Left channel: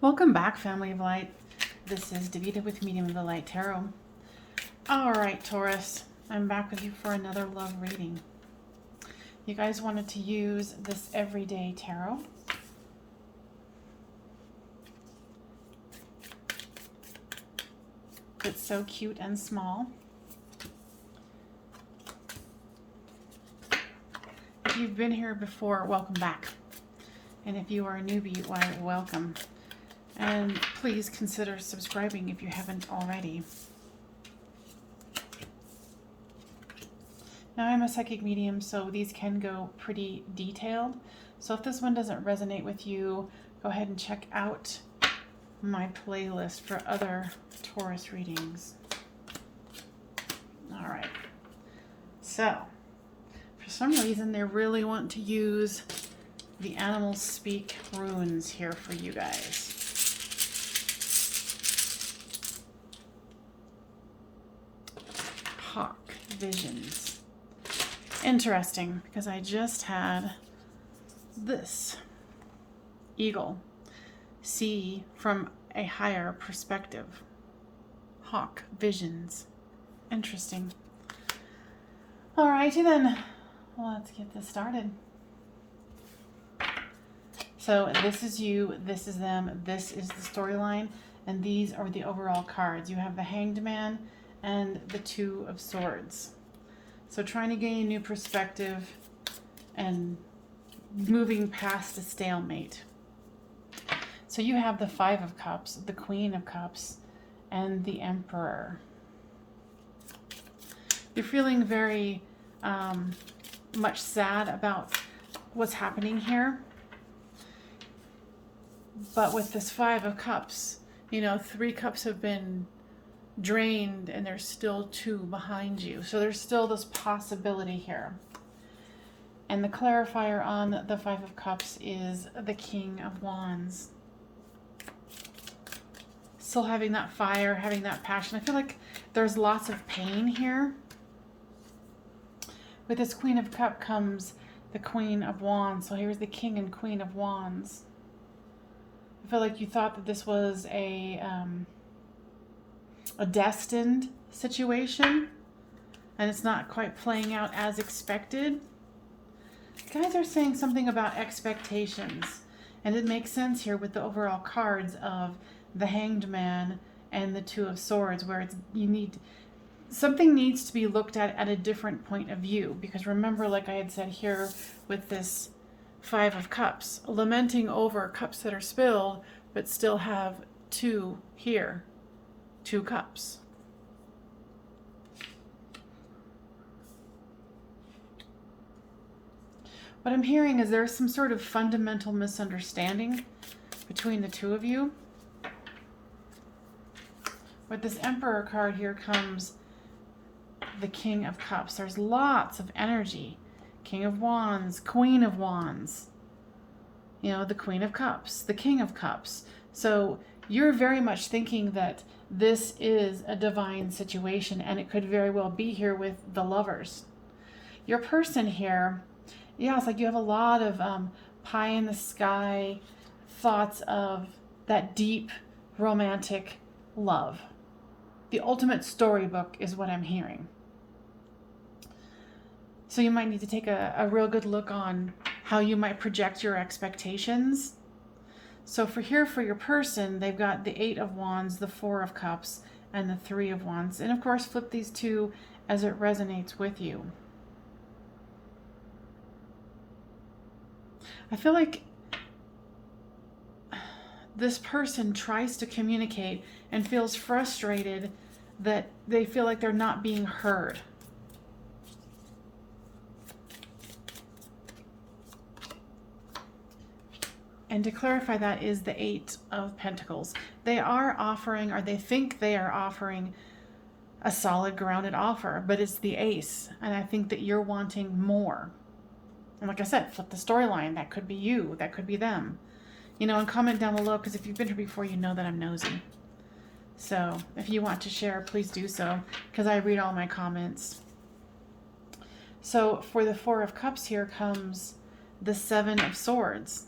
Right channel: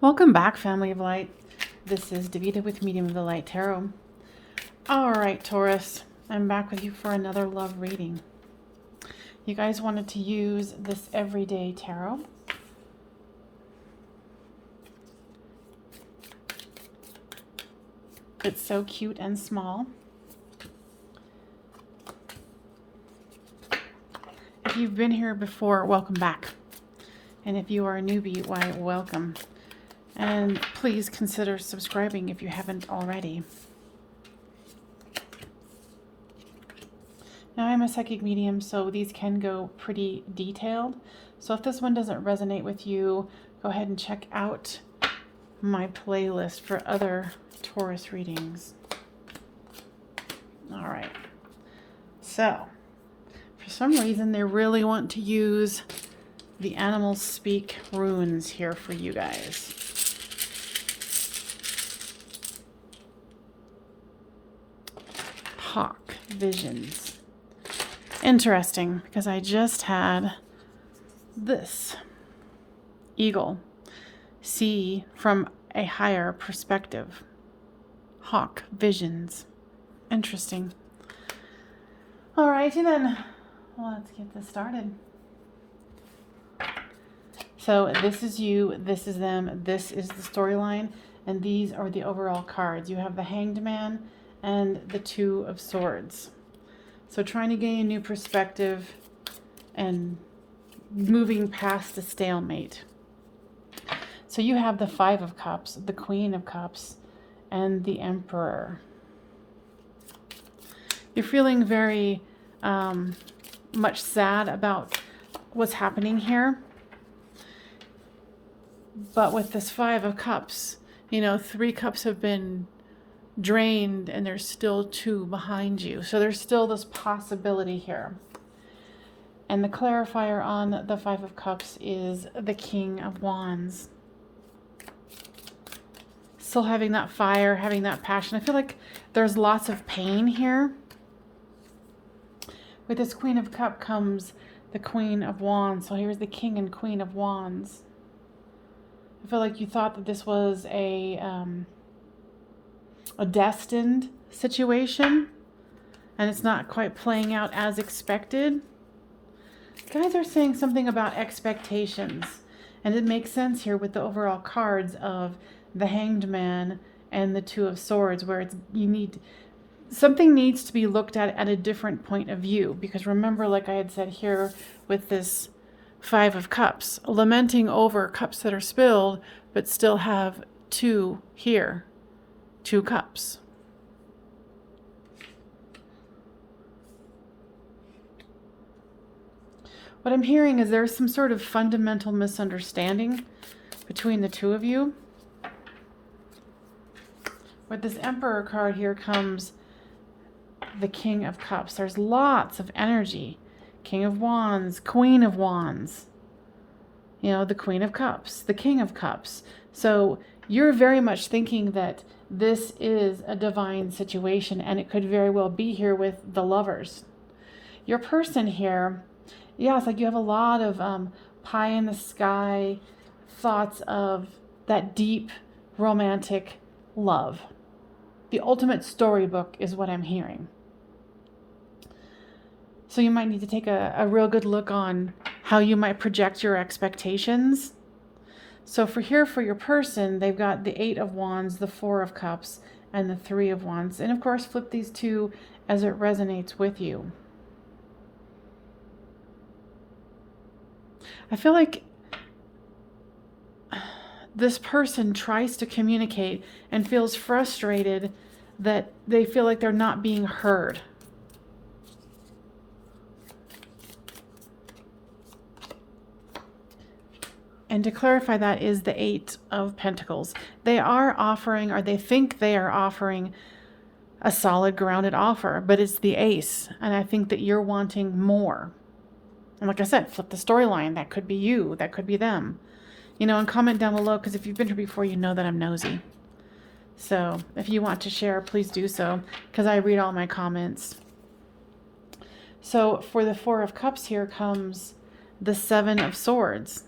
Welcome back, family of light. This is Davita with Medium of the Light Tarot. All right, Taurus, I'm back with you for another love reading. You guys wanted to use this everyday tarot. It's so cute and small. If you've been here before, welcome back. And if you are a newbie, why, welcome. And please consider subscribing if you haven't already. Now, I'm a psychic medium, so these can go pretty detailed. So if this one doesn't resonate with you, go ahead and check out my playlist for other Taurus readings. All right. So, for some reason, they really want to use the Animals Speak runes here for you guys. Hawk visions. Interesting, because I just had this eagle see from a higher perspective. Hawk visions. Interesting. Alrighty then, let's get this started. So this is you, this is them, this is the storyline, and these are the overall cards. You have the Hanged Man and the Two of Swords. So trying to gain a new perspective and moving past the stalemate. So you have the Five of Cups, the Queen of Cups, and the Emperor. You're feeling very much sad about what's happening here. But with this Five of Cups, you know, 3 cups have been drained and there's still 2 behind you. So there's still this possibility here. And the clarifier on the Five of Cups is the King of Wands. Still having that fire, having that passion. I feel like there's lots of pain here. With this Queen of Cups comes the Queen of Wands. So here's the King and Queen of Wands. I feel like you thought that this was a destined situation, and it's not quite playing out as expected. Guys are saying something about expectations, and it makes sense here with the overall cards of the Hanged Man and the Two of Swords, where it's something needs to be looked at a different point of view. Because remember, like I had said here with this Five of Cups, lamenting over cups that are spilled, but still have 2 here, 2 cups. What I'm hearing is there's some sort of fundamental misunderstanding between the 2 of you. With this Emperor card here comes the King of Cups. There's lots of energy. King of Wands, Queen of Wands, you know, the Queen of Cups, the King of Cups. So you're very much thinking that this is a divine situation, and it could very well be here with the Lovers. Your person here, yeah, it's like you have a lot of pie in the sky thoughts of that deep romantic love. The ultimate storybook is what I'm hearing. So you might need to take a real good look on how you might project your expectations. So for your person, they've got the 8 of Wands, the 4 of Cups, and the 3 of Wands. And of course, flip these 2 as it resonates with you. I feel like this person tries to communicate and feels frustrated that they feel like they're not being heard. And to clarify, that is the 8 of Pentacles. They are offering, or they think they are offering, a solid, grounded offer, but it's the Ace. And I think that you're wanting more. And like I said, flip the storyline. That could be you. That could be them. You know, and comment down below, because if you've been here before, you know that I'm nosy. So if you want to share, please do so, because I read all my comments. So for the 4 of Cups here comes the 7 of Swords.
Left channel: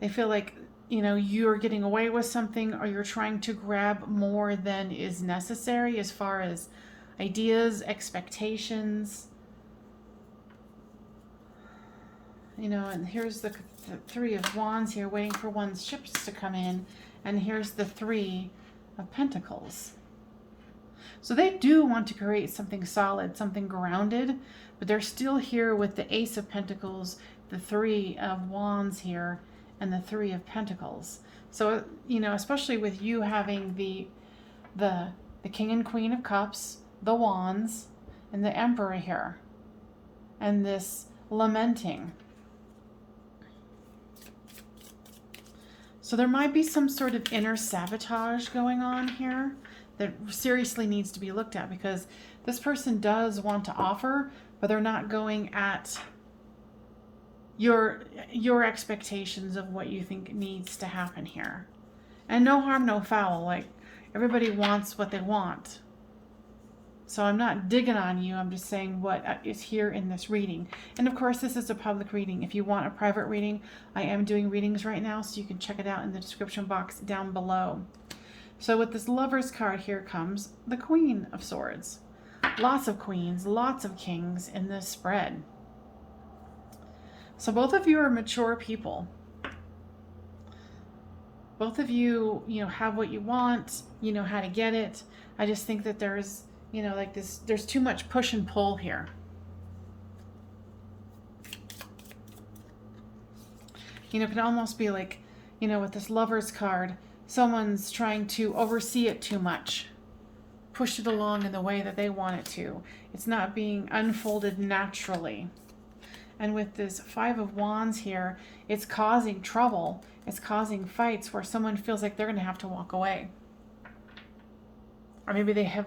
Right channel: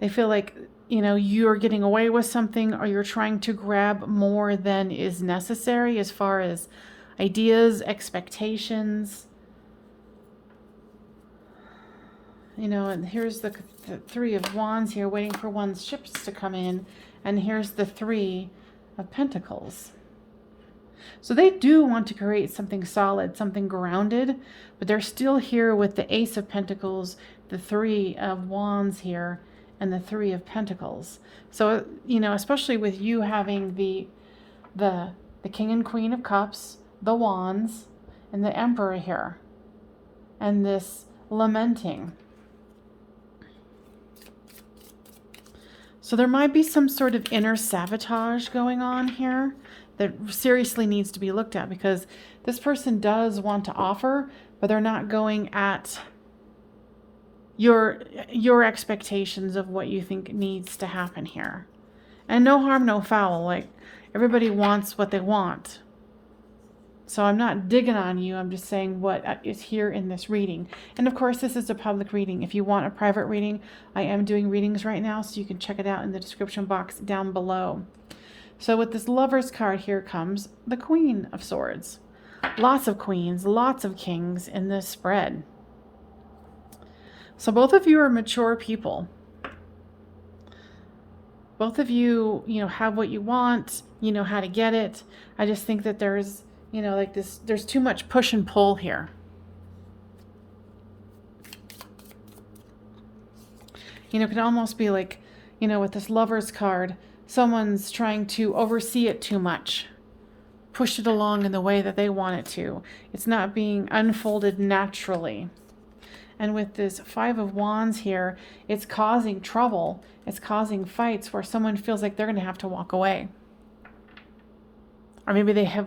They feel like you know, you're getting away with something, or you're trying to grab more than is necessary as far as ideas, expectations. You know, and here's the Three of Wands here, waiting for one's ships to come in. And here's the Three of Pentacles. So they do want to create something solid, something grounded, but they're still here with the Ace of Pentacles, the Three of Wands here, and the Three of Pentacles. So, you know, especially with you having the King and Queen of Cups, the Wands, and the Emperor here, and this lamenting. So there might be some sort of inner sabotage going on here that seriously needs to be looked at, because this person does want to offer, but they're not going at your expectations of what you think needs to happen here. And no harm, no foul. Like, everybody wants what they want. So I'm not digging on you. I'm just saying what is here in this reading. And of course, this is a public reading. If you want a private reading, I am doing readings right now, so you can check it out in the description box down below. So with this Lover's card here comes the Queen of Swords. Lots of queens, lots of kings in this spread. So both of you are mature people. Both of you, you know, have what you want, you know how to get it. I just think that there's, you know, like this, there's too much push and pull here. You know, it could almost be like, you know, with this Lover's card, someone's trying to oversee it too much, push it along in the way that they want it to. It's not being unfolded naturally. And with this Five of Wands here, it's causing trouble. It's causing fights where someone feels like they're going to have to walk away. Or maybe they have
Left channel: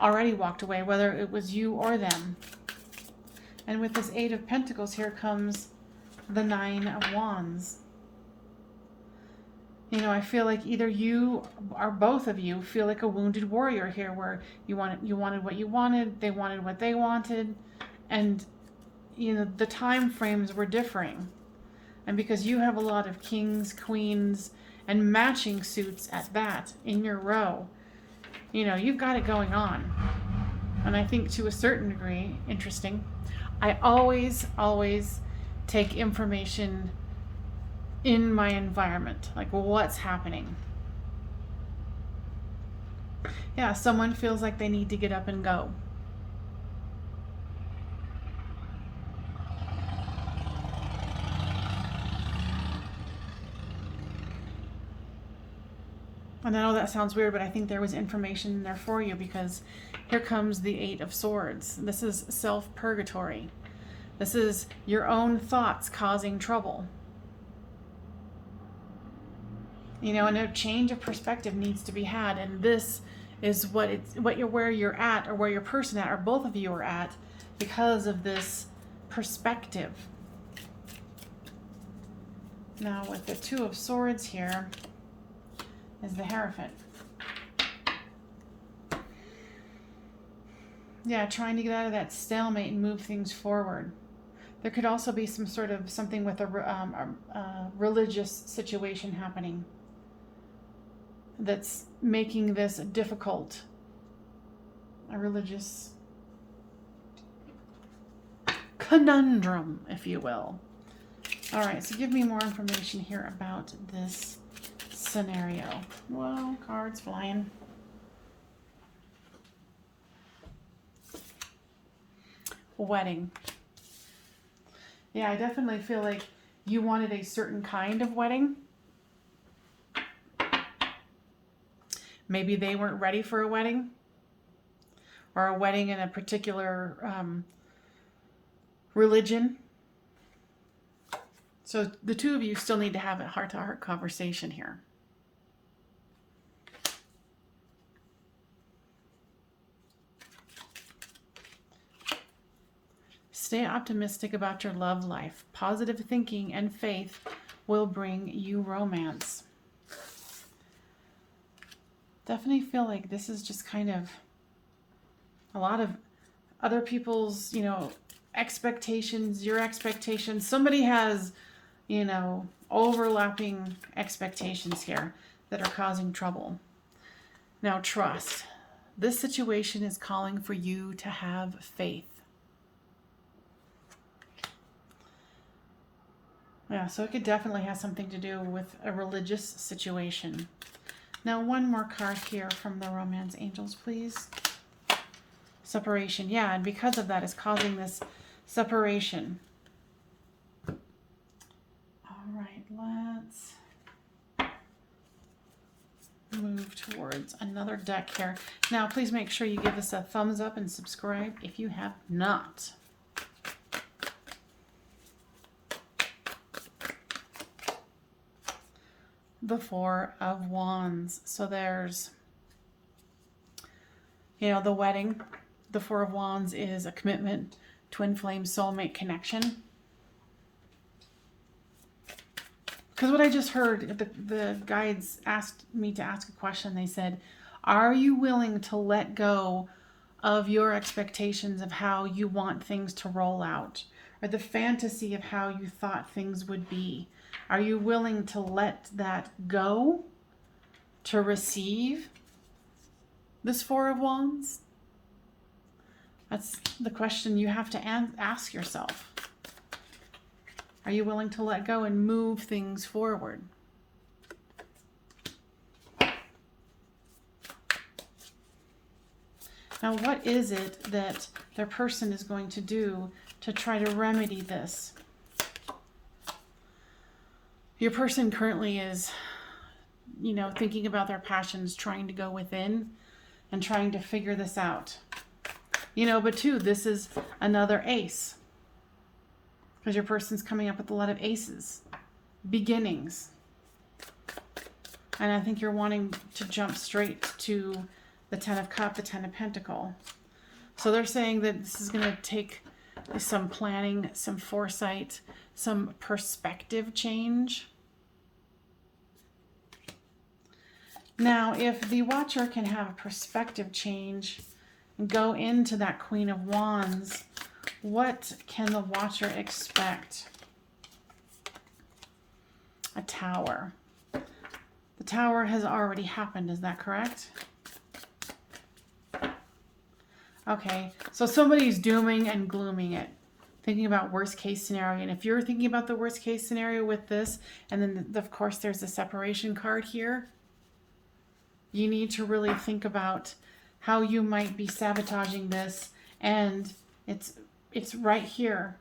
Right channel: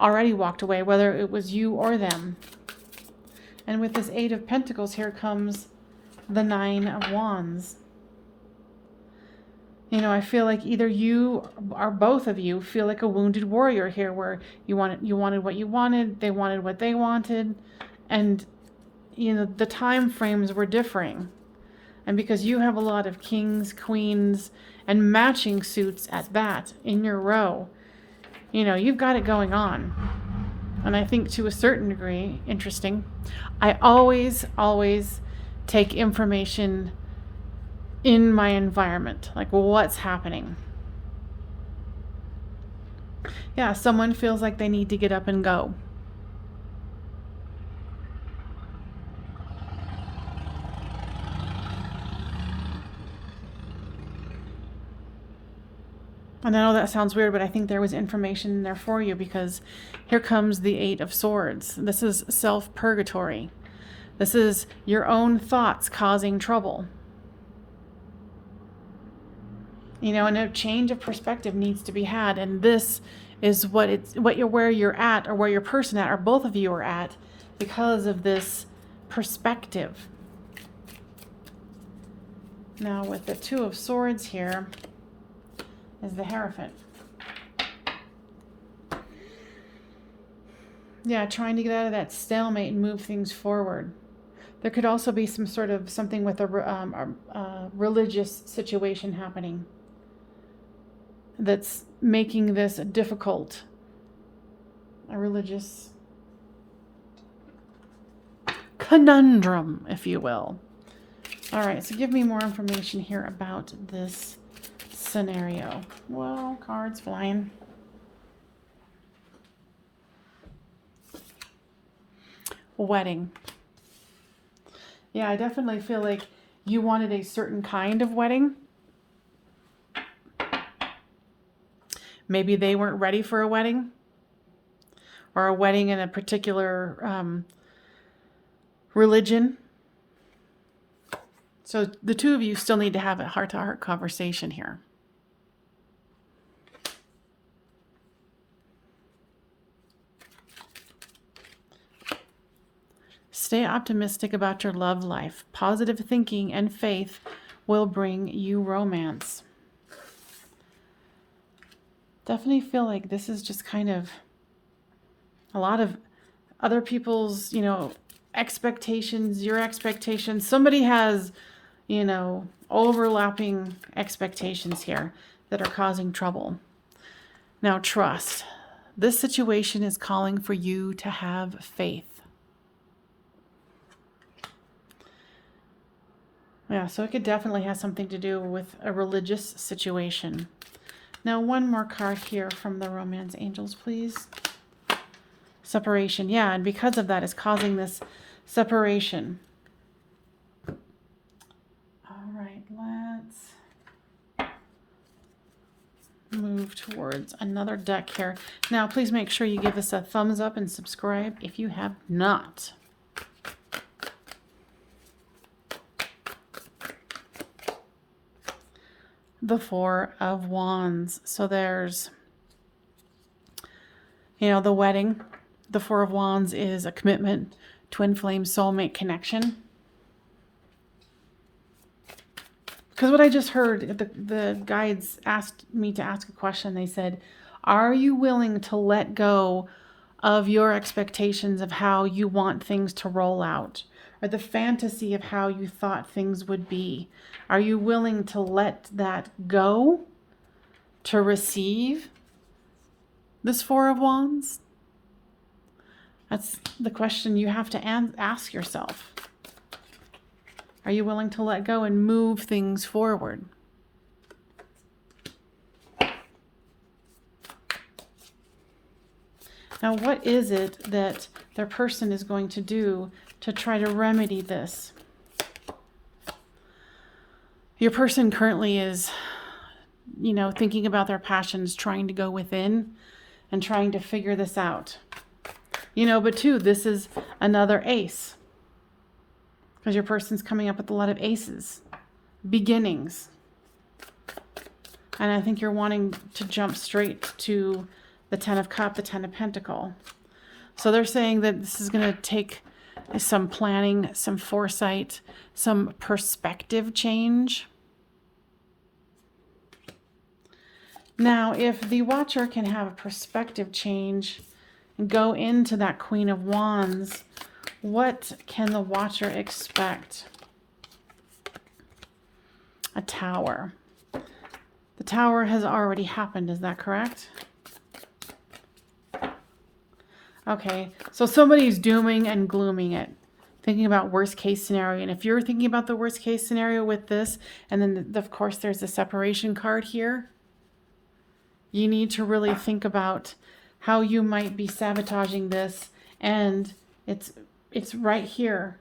already walked away, whether it was you or them. And with this Eight of Pentacles, here comes the Nine of Wands. You know, I feel like either you or both of you feel like a wounded warrior here, where you wanted what you wanted, they wanted what they wanted, and you know, the time frames were differing. And because you have a lot of kings, queens, and matching suits at that in your row, you know, you've got it going on. And I think to a certain degree, interesting, I always take information in my environment, like what's happening. Yeah, someone feels like they need to get up and go. And I know that sounds weird, but I think there was information in there for you, because here comes the Eight of Swords. This is self-purgatory. This is your own thoughts causing trouble. You know, and a change of perspective needs to be had, and this is where you're at, or where your person at, or both of you are at, because of this perspective. Now with the Two of Swords here is the Hierophant. Yeah, trying to get out of that stalemate and move things forward. There could also be some sort of something with a religious situation happening that's making this difficult. A religious conundrum, if you will. All right, so give me more information here about this scenario. Well, cards flying. Wedding. Yeah, I definitely feel like you wanted a certain kind of wedding. Maybe they weren't ready for a wedding, or a wedding in a particular religion. So the two of you still need to have a heart-to-heart conversation here. Stay optimistic about your love life. Positive thinking and faith will bring you romance. Definitely feel like this is just kind of a lot of other people's, you know, expectations, your expectations. Somebody has, you know, overlapping expectations here that are causing trouble. Now, trust. This situation is calling for you to have faith. Yeah, so it could definitely have something to do with a religious situation. Now, one more card here from the Romance Angels, please. Separation. Yeah, and because of that, it's causing this separation. All right, let's move towards another deck here. Now, please make sure you give us a thumbs up and subscribe if you have not. The Four of Wands. So there's, the wedding. The Four of Wands is a commitment, twin flame, soulmate connection. Because what I just heard, the guides asked me to ask a question. They said, are you willing to let go of your expectations of how you want things to roll out, or the fantasy of how you thought things would be? Are you willing to let that go to receive this Four of Wands? That's the question you have to ask yourself. Are you willing to let go and move things forward? Now, what is it that their person is going to do to try to remedy this? Your person currently is, thinking about their passions, trying to go within and trying to figure this out. But too, this is another ace. Because your person's coming up with a lot of aces. Beginnings. And I think you're wanting to jump straight to the Ten of Cups, the Ten of Pentacles. So they're saying that this is going to take some planning, some foresight, some perspective change. Now, if the Watcher can have a perspective change and go into that Queen of Wands, what can the Watcher expect? A Tower. The Tower has already happened, is that correct? Okay, so somebody's dooming and glooming it, thinking about worst case scenario. And if you're thinking about the worst case scenario with this, and then of course there's a separation card here, you need to really think about how you might be sabotaging this. And it's right here.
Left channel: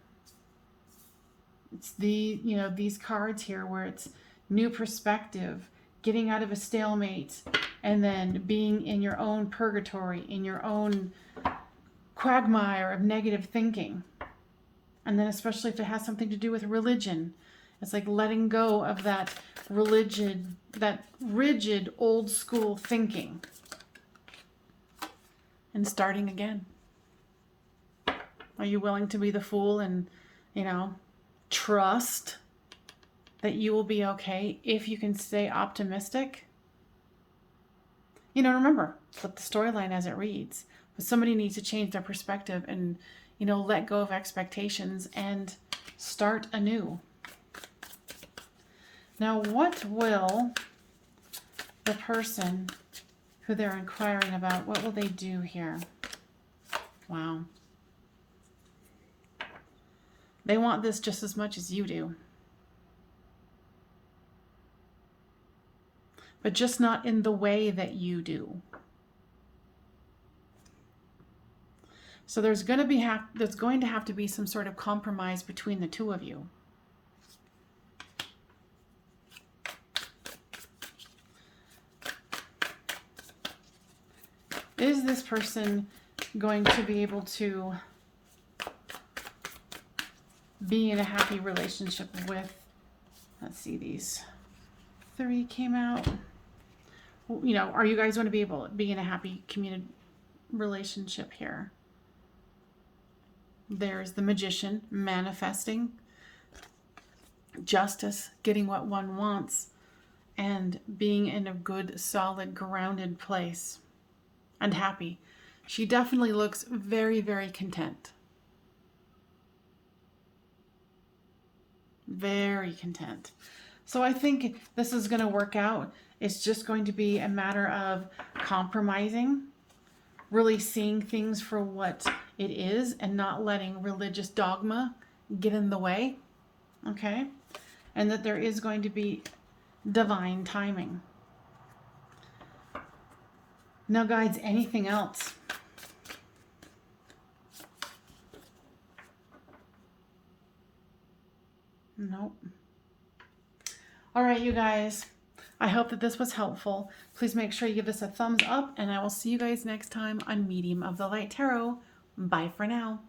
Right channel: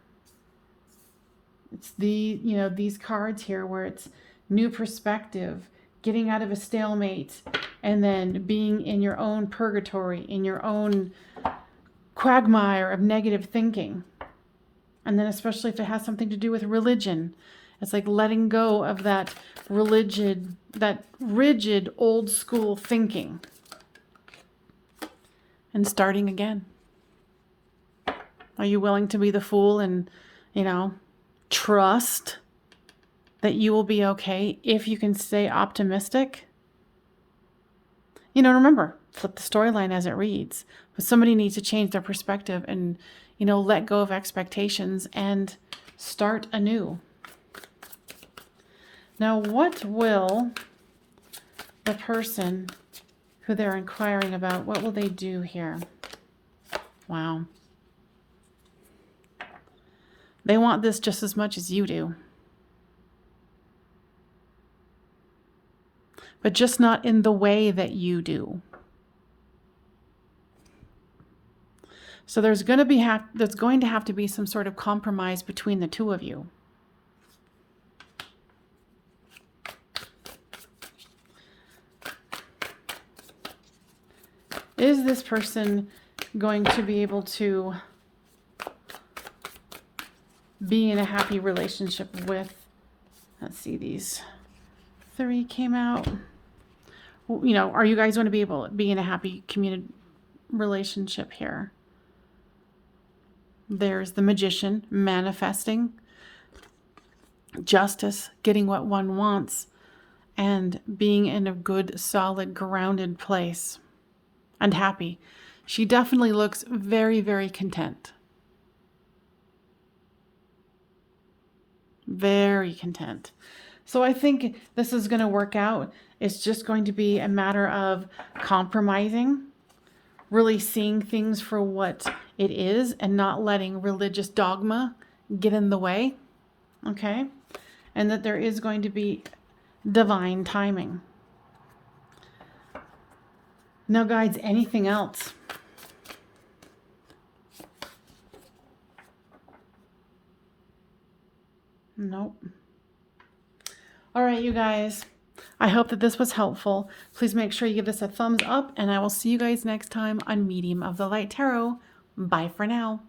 It's these cards here where it's new perspective, getting out of a stalemate, and then being in your own purgatory, in your own quagmire of negative thinking. And then especially if it has something to do with religion, it's like letting go of that rigid old school thinking and starting again. Are you willing to be the fool and, trust that you will be okay if you can stay optimistic? Remember, flip the storyline as it reads. But somebody needs to change their perspective and, let go of expectations and start anew. Now, what will the person who they're inquiring about, what will they do here? Wow. They want this just as much as you do. But just not in the way that you do. So there's going to have to be some sort of compromise between the two of you. Is this person going to be able to be in a happy relationship with, let's see, these three came out. Are you guys going to be able to be in a happy committed relationship here? There's the Magician, manifesting, justice, getting what one wants, and being in a good, solid, grounded place and happy. She definitely looks very, very content. Very content. So I think this is going to work out. It's just going to be a matter of compromising, really seeing things for what it is and not letting religious dogma get in the way. Okay? And that there is going to be divine timing. Now, guides, anything else? Nope. All right, you guys. I hope that this was helpful. Please make sure you give this a thumbs up, and I will see you guys next time on Medium of the Light Tarot. Bye for now.